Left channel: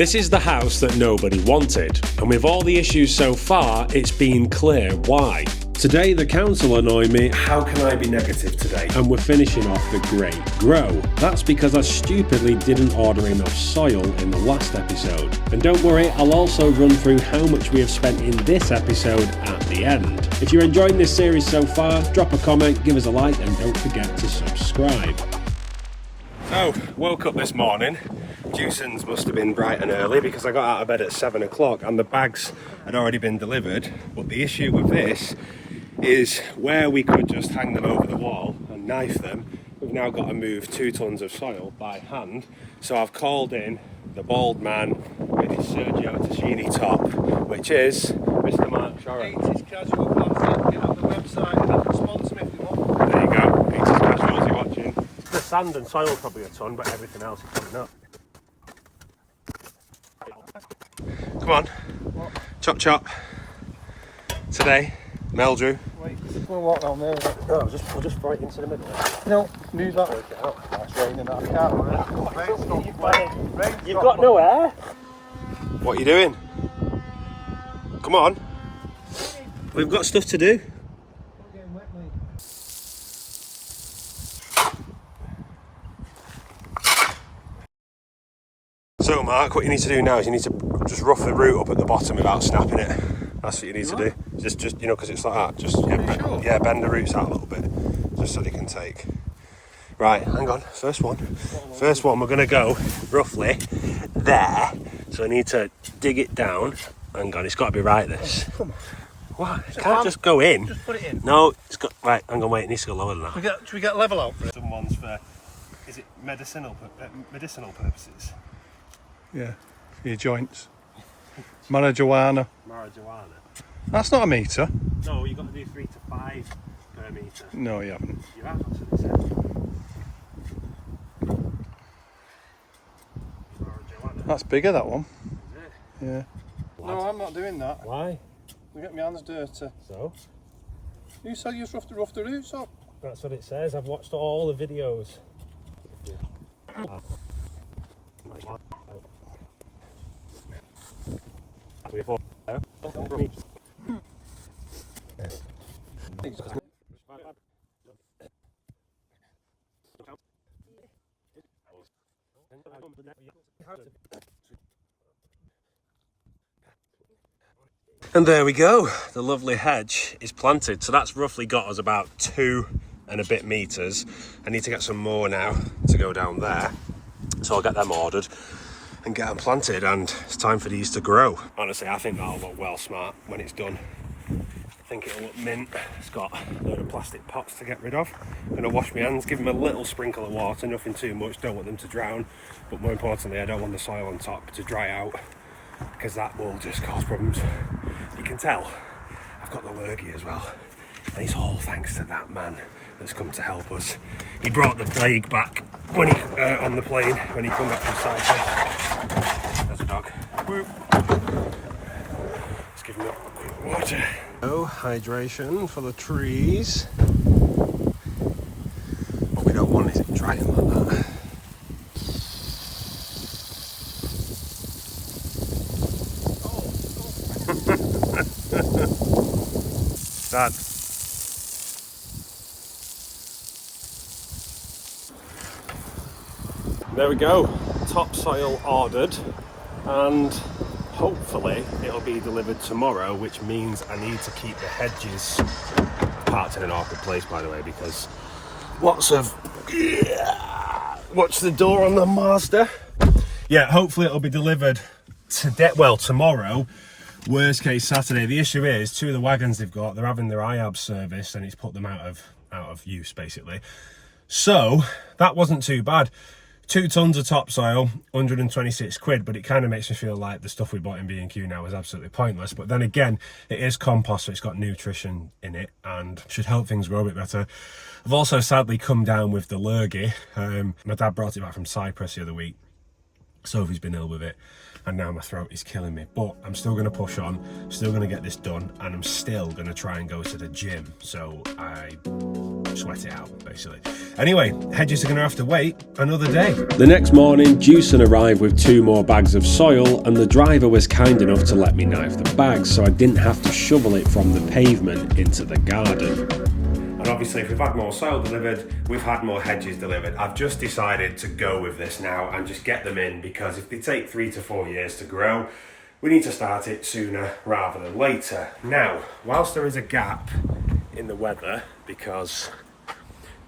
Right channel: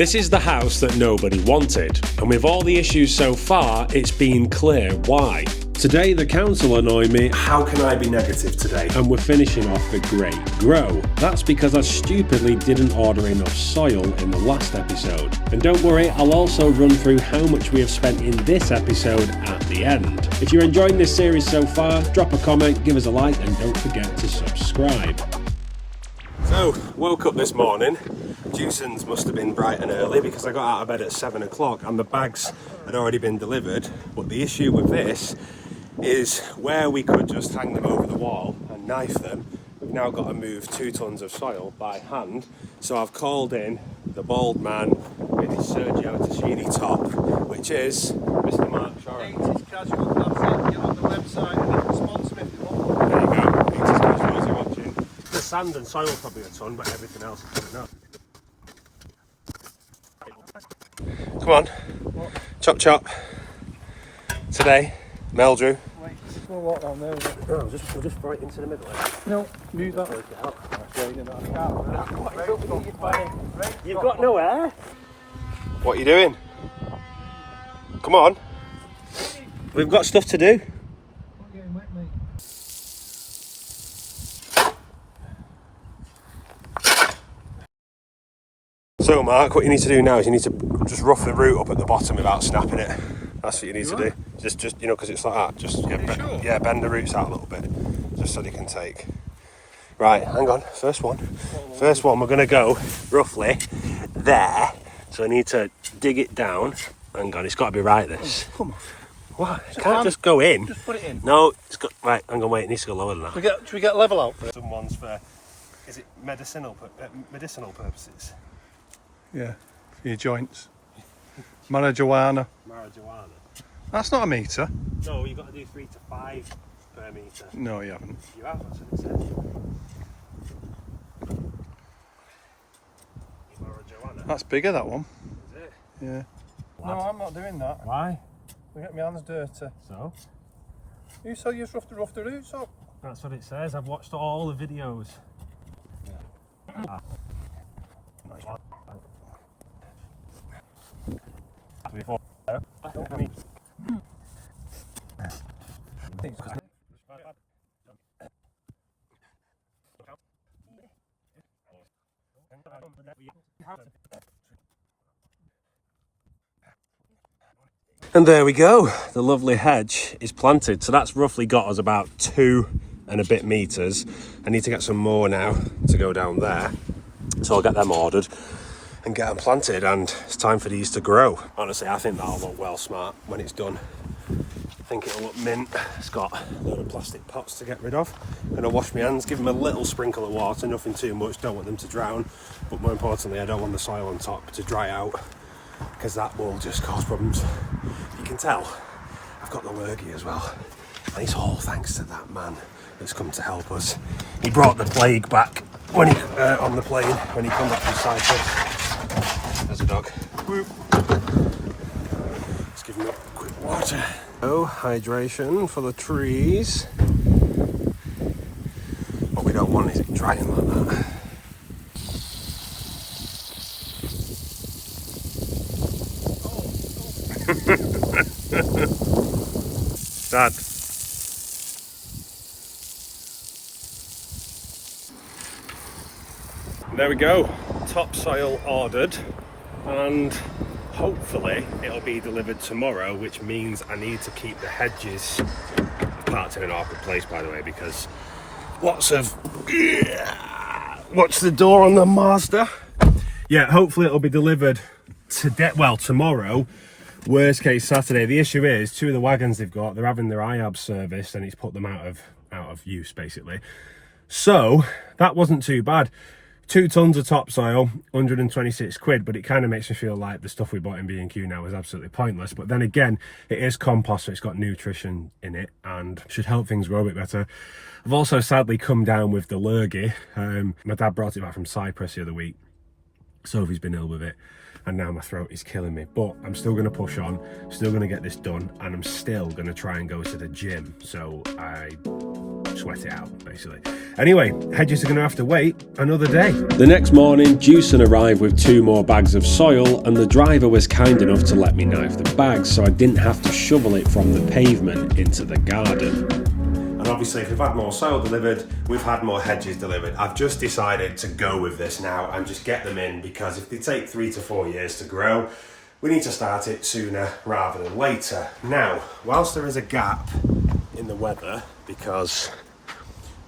This is the house that nobody wanted, and with all the issues so far, it's been clear why. Today the council annoy me. How can I be negative today? And we're finishing off the Great Grow. That's because I stupidly didn't order enough soil in the last episode. And don't worry, I'll also run through how much we have spent in this episode at the end. If you're enjoying this series so far, drop a comment, give us a like, and don't forget to subscribe. So, woke up this morning. Dewson's must have been bright and early because I got out of bed at 7 o'clock and the bags had already been delivered. But the issue with this is where we could just hang them over the wall and knife them, we've now got to move 2 tons of soil by hand. So I've called in the bald man with his Sergio Tacchini top, which is Mr. Mark Shoren. Hedges casual clubs on the website, sponsor if you want. There you go, Hedges casual, you're watching. The sand and soil probably a ton, but everything else is coming up. Come on, chop chop. Today, Meldrew. Wait, we'll walk down there. No, we'll just right into the middle. No, move that. Take it out. That's raining, I can't. You've got no air. What are you doing? Come on. We've got stuff to do. So Mark, what you need to do now is you need to just rough the root up at the bottom without snapping it. That's what you need to do. Just you know, because it's like that. Just bend the roots out a little bit, just so they can take. Right, hang on. First one, we're going to go roughly there. So I need to dig it down. Hang on, it's got to be right. This. Come on. What? It can't just go in. Just put it in. No, it's got. Right, hang on, wait. It needs to go lower than that. Should we get level out for it? Some ones for. Is it medicinal purposes? Yeah, for your joints. Marijuana. Marijuana. That's not a metre. No, you've got to do 3 to 5 per metre. No, you haven't. You have, that's what it said. Marijuana. That's bigger, that one. Is it? Yeah. Lad. No, I'm not doing that. Why? I'll get my hands dirty. So? You said you just rough the roots up. That's what it says. I've watched all the videos. Yeah. And there we go, the lovely hedge is planted. So that's roughly got us about 2 and a bit meters. I need to get some more now to go down there. So I'll get them ordered and get them planted, and it's time for these to grow. Honestly, I think that'll look well smart when it's done. I think it'll look mint. It's got a load of plastic pots to get rid of. I'm gonna wash my hands, give them a little sprinkle of water, nothing too much, don't want them to drown. But more importantly, I don't want the soil on top to dry out, because that will just cause problems. You can tell I've got the lurgy as well. And it's all thanks to that man that's come to help us. He brought the plague back when he on the plane when he came back from Cyprus. There's a dog. Let's give him a quick water. Oh, hydration for the trees. What we don't want is it drying like that. Dad. There we go, topsoil ordered, and hopefully it'll be delivered tomorrow, which means I need to keep the hedges parked in an awkward place, by the way, because lots of watch the door on the Mazda. Yeah, hopefully it'll be delivered today, well, tomorrow, worst case Saturday. The issue is 2 of the wagons they've got, they're having their IAB serviced and it's put them out of use basically. So that wasn't too bad. 2 tons of topsoil, 126 quid, but it kind of makes me feel like the stuff we bought in B&Q now is absolutely pointless. But then again, it is compost, so it's got nutrition in it and should help things grow a bit better. I've also sadly come down with the lurgy. My dad brought it back from Cyprus the other week. Sophie's been ill with it, and now my throat is killing me. But I'm still going to push on, still going to get this done, and I'm still going to try and go to the gym. So I sweat it out, basically. Anyway, hedges are going to have to wait another day. The next morning, Jewson arrived with 2 more bags of soil, and the driver was kind enough to let me knife the bags so I didn't have to shovel it from the pavement into the garden. And obviously, if we've had more soil delivered, we've had more hedges delivered. I've just decided to go with this now and just get them in, because if they take 3 to 4 years to grow, we need to start it sooner rather than later. Now, whilst there is a gap in the weather, because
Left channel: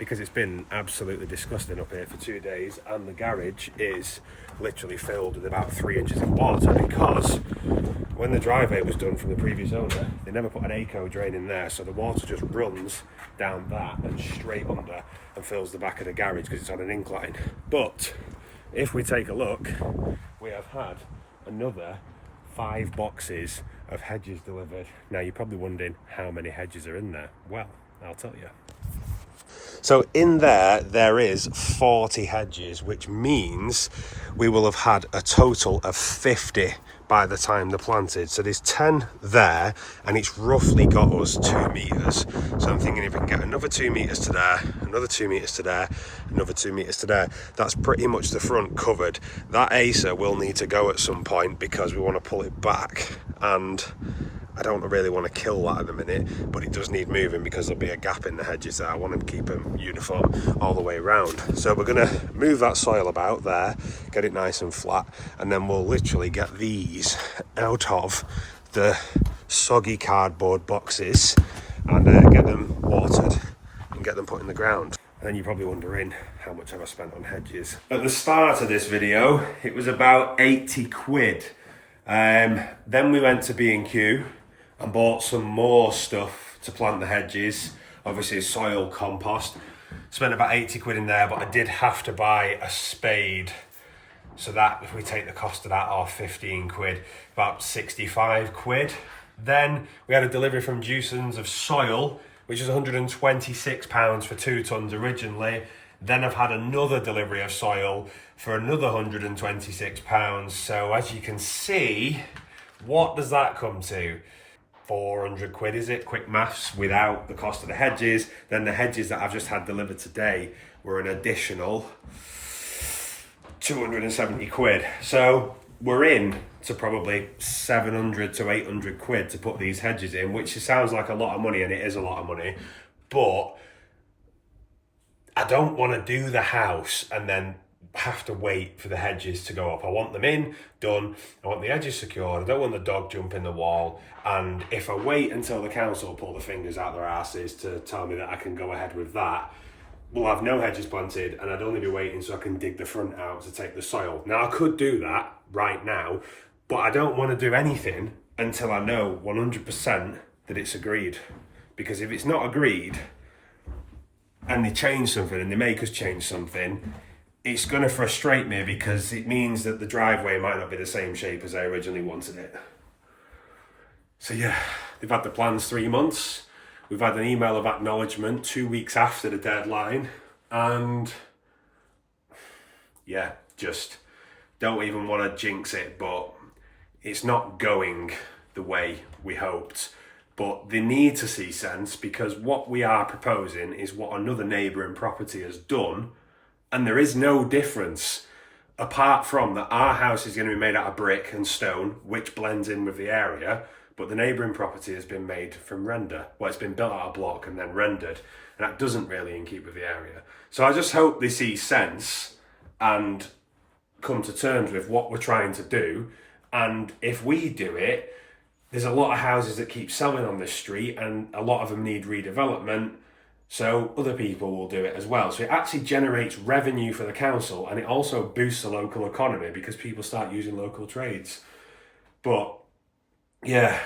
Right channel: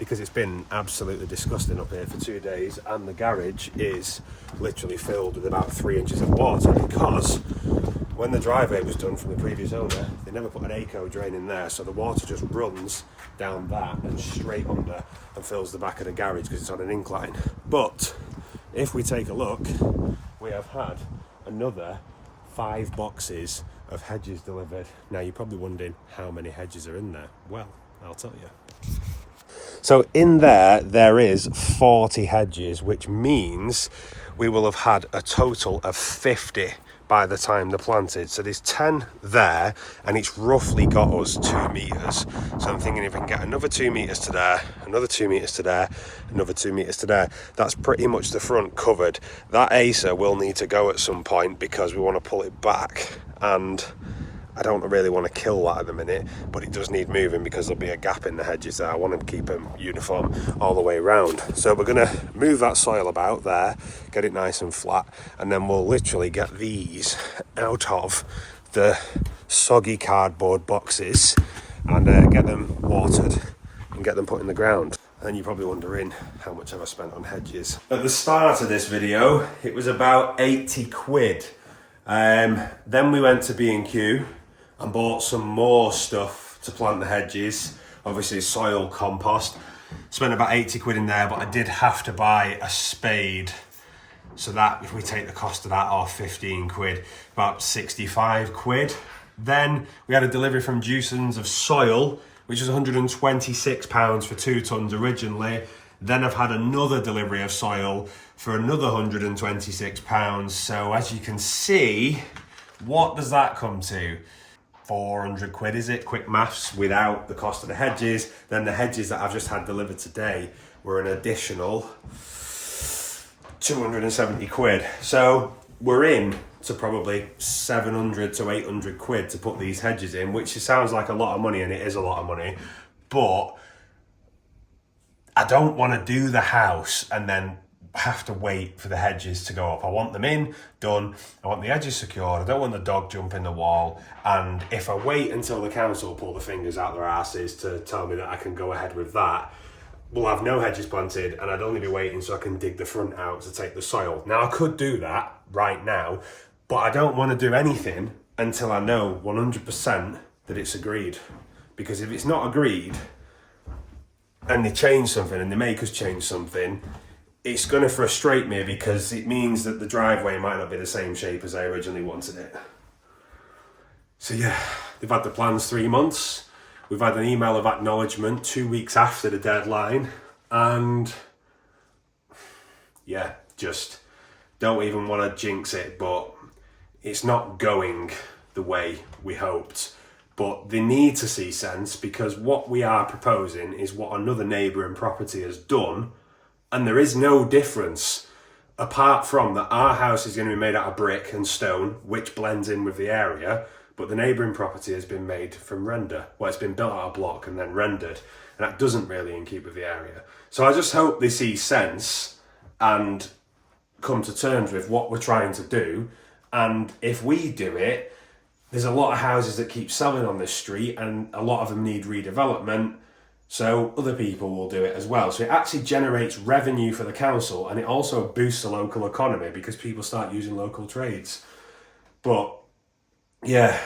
it's been absolutely disgusting up here for 2 days, and the garage is literally filled with about 3 inches of water, because when the driveway was done from the previous owner, they never put an eco drain in there, so the water just runs down that and straight under and fills the back of the garage because it's on an incline. But if we take a look, we have had another 5 boxes of hedges delivered. Now you're probably wondering how many hedges are in there. Well, I'll tell you. So in there is 40 hedges, which means we will have had a total of 50 by the time they're planted. So there's 10 there, and it's roughly got us 2 meters. So I'm thinking if we can get another 2 meters to there, another 2 meters to there, another 2 meters to there, that's pretty much the front covered. That acer will need to go at some point because we want to pull it back, and I don't really want to kill that at the minute, but it does need moving because there'll be a gap in the hedges there. I want to keep them uniform all the way around. So we're going to move that soil about there, get it nice and flat, and then we'll literally get these out of the soggy cardboard boxes and get them watered and get them put in the ground. And you're probably wondering, how much have I spent on hedges? At the start of this video, it was about 80 quid. Then we went to B&Q and bought some more stuff to plant the hedges, obviously soil, compost. Spent about 80 quid in there, but I did have to buy a spade. So that, if we take the cost of that off, 15 quid, about 65 quid. Then we had a delivery from Jewson's of soil, which was £126 for 2 tons originally. Then I've had another delivery of soil for another £126. So as you can see, what does that come to? 400 quid, is it? Quick maths, without the cost of the hedges. Then the hedges that I've just had delivered today were an additional 270 quid. So we're in to probably 700 to 800 quid to put these hedges in, which sounds like a lot of money, and it is a lot of money. But I don't want to do the house and then have to wait for the hedges to go up. I want them in, done. I want the edges secured. I don't want the dog jumping the wall. And if I wait until the council pull the fingers out their asses to tell me that I can go ahead with that, we'll have no hedges planted, and I'd only be waiting so I can dig the front out to take the soil. Now, I could do that right now, but I don't want to do anything until I know 100% that it's agreed. Because if it's not agreed, and they change something, and they make us change something, it's going to frustrate me, because it means that the driveway might not be the same shape as I originally wanted it. So yeah, they've had the plans 3 months. We've had an email of acknowledgement 2 weeks after the deadline. And yeah, just don't even want to jinx it, but it's not going the way we hoped. But they need to see sense, because what we are proposing is what another neighbouring property has done. And there is no difference, apart from that our house is going to be made out of brick and stone, which blends in with the area, but the neighbouring property has been made from render. Well, it's been built out of block and then rendered, and that doesn't really keep with the area. So I just hope they see sense and come to terms with what we're trying to do. And if we do it, there's a lot of houses that keep selling on this street, and a lot of them need redevelopment. So other people will do it as well. So it actually generates revenue for the council, and it also boosts the local economy because people start using local trades. But yeah,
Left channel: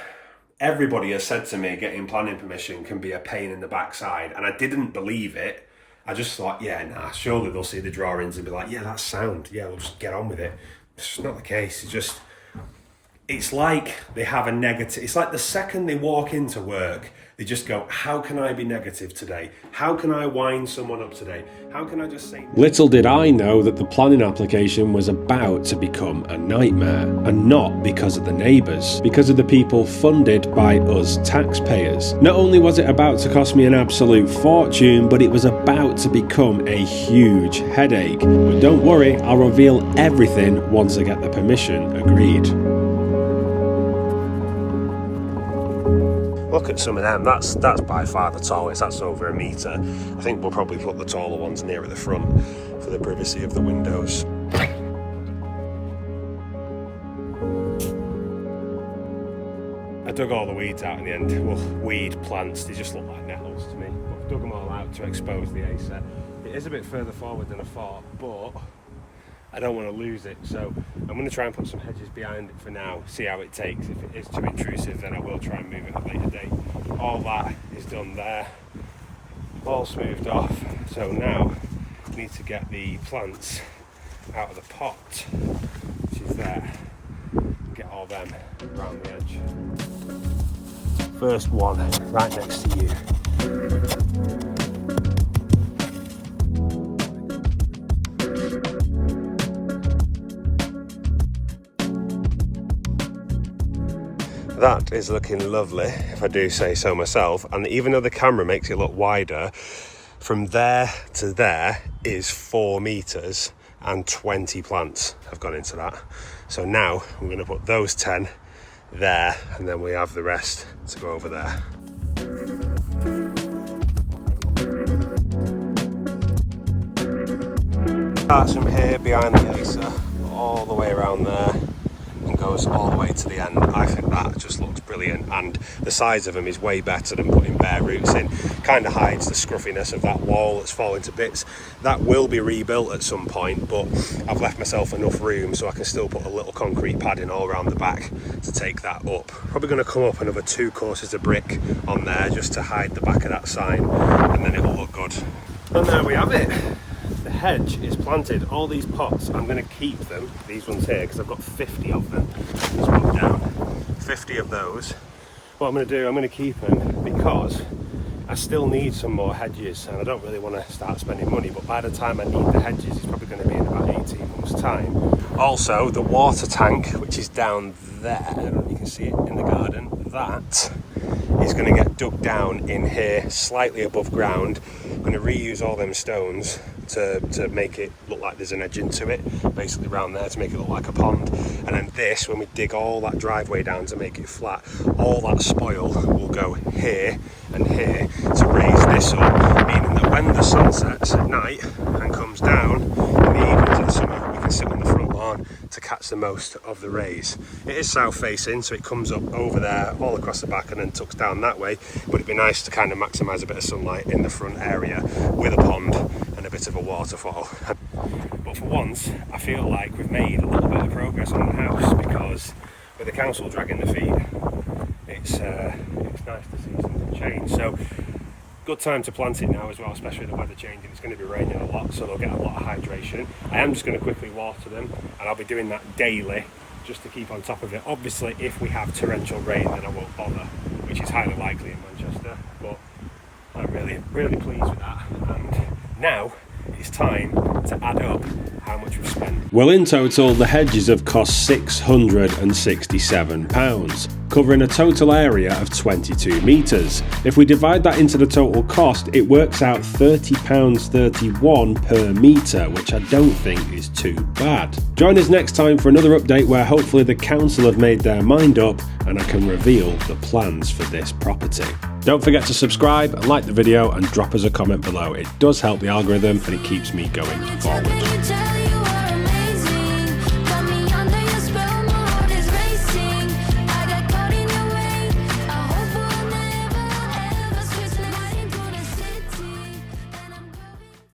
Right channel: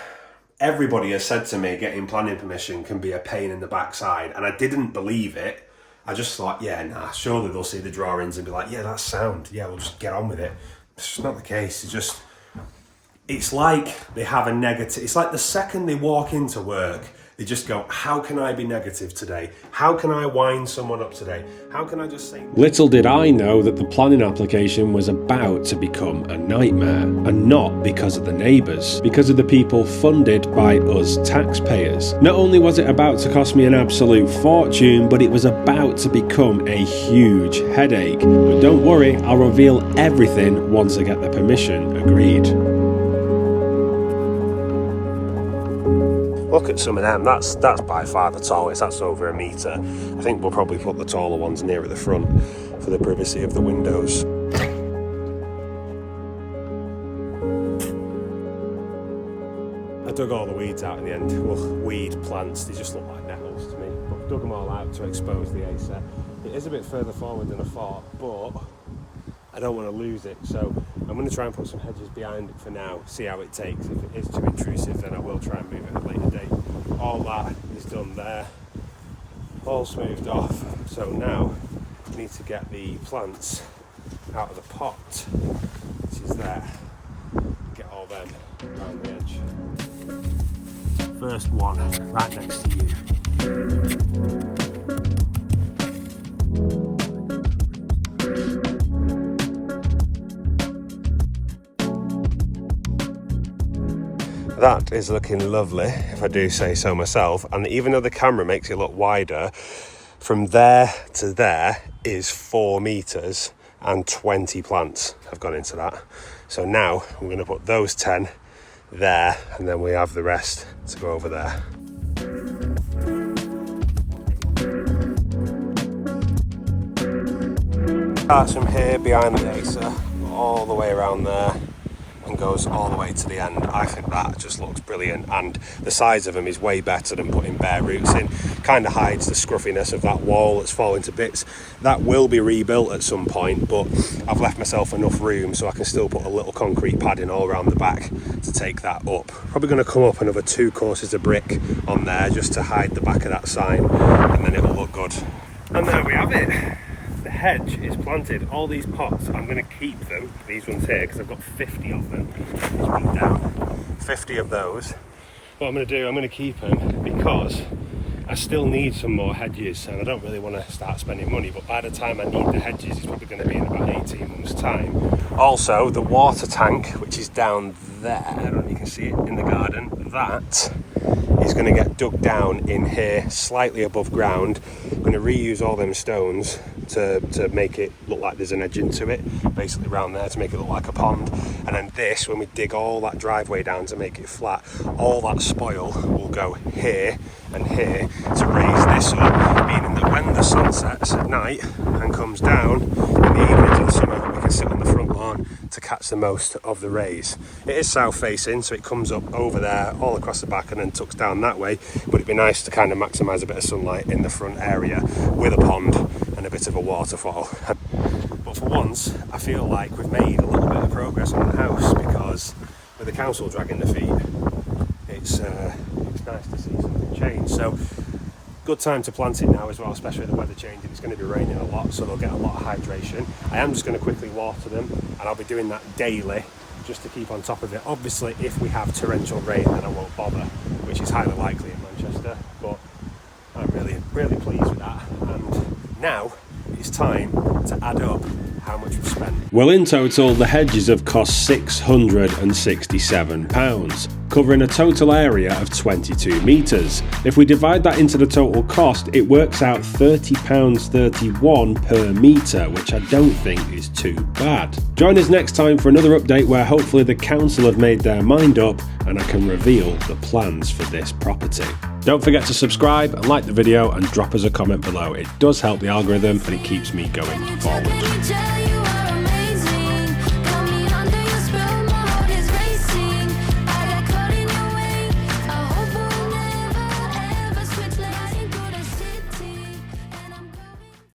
everybody has said to me getting planning permission can be a pain in the backside, and I didn't believe it. I just thought, yeah, nah, surely they'll see the drawings and be like, yeah, that's sound. Yeah, we'll just get on with it. It's not the case. It's like they have a negative. It's like the second they walk into work, They just go, how can I be negative today? How can I wind someone up today? How can I just say... Little did I know that the planning application was about to become a nightmare. And not because of the neighbours, because of the people funded by us taxpayers. Not only was it about to cost me an absolute fortune, but it was about to become a huge headache. But don't worry, I'll reveal everything once I get the permission agreed. Look at some of them, that's by far the tallest, that's over 1 metre. I think we'll probably put the taller ones nearer the front for the privacy of the windows. I dug all the weeds out in the end. Well, weed plants, they just look like nettles to me. But dug them all out to expose the acer. It is a bit further forward than I thought, but I don't want to lose it, so I'm going to try and put some hedges behind it for now, see how it takes. If it is too intrusive, then I will try and move it at a later date. All that is done there, all smoothed off. So now I need to get the plants out of the pot, which is there. Get all them around the edge. First one, right next to you. That is looking lovely, if I do say so myself, and even though the camera makes it look wider, from there to there is 4 metres and 20 plants have gone into that. So now we're going to put those 10 there, and then we have the rest to go over there. Starts from here behind the acer, all the way around there, and goes all the way to the end. I think that just looks brilliant, and the size of them is way better than putting bare roots in. Kind of hides the scruffiness of that wall that's falling to bits. That will be rebuilt at some point, but I've left myself enough room so I can still put a little concrete padding all around the back to take that up. Probably going to come up another 2 courses of brick on there just to hide the back of that sign, and then it'll look good. And there we have it. The hedge is planted. All these pots, I'm going to keep them, these ones here, because I've got 50 of them. Let's put down 50 of those. What I'm going to do, I'm going to keep them because I still need some more hedges, and I don't really want to start spending money, but by the time I need the hedges, it's probably going to be in about 18 months' time. Also, the water tank, which is down there, I don't know if you can see it in the garden, that is going to get dug down in here, slightly above ground. I'm going to reuse all them stones to make it look like there's an edge into it, basically around there, to make it look like a pond. And then this, when we dig all that driveway down to make it flat, all that spoil will go here and here to raise this up, meaning that when the sun sets at night and comes down in the evenings in summer, we can sit on the front lawn to catch the most of the rays. It is south facing, so it comes up over there all across the back and then tucks down that way, but it'd be nice to kind of maximise a bit of sunlight in the front area with a pond and a bit of a waterfall. But for once, I feel like we've made a little bit of progress on the house, because with the council dragging the feet, it's nice to see something change. So good time to plant it now as well, especially with the weather changing. It's going to be raining a lot, so they'll get a lot of hydration. I am just going to quickly water them, and I'll be doing that daily just to keep on top of it. Obviously, if we have torrential rain, then I won't bother, which is highly likely in Manchester, but I'm really pleased with that. And now it's time to add up how much we've spent. Well, in total, the hedges have cost £667, covering a total area of 22 metres. If we divide that into the total cost, it works out £30.31 per metre, which I don't think is too bad. Join us next time for another update where hopefully the council have made their mind up and I can reveal the plans for this property. Don't forget to subscribe and like the video and drop us a comment below. It does help the algorithm and it keeps me going forward.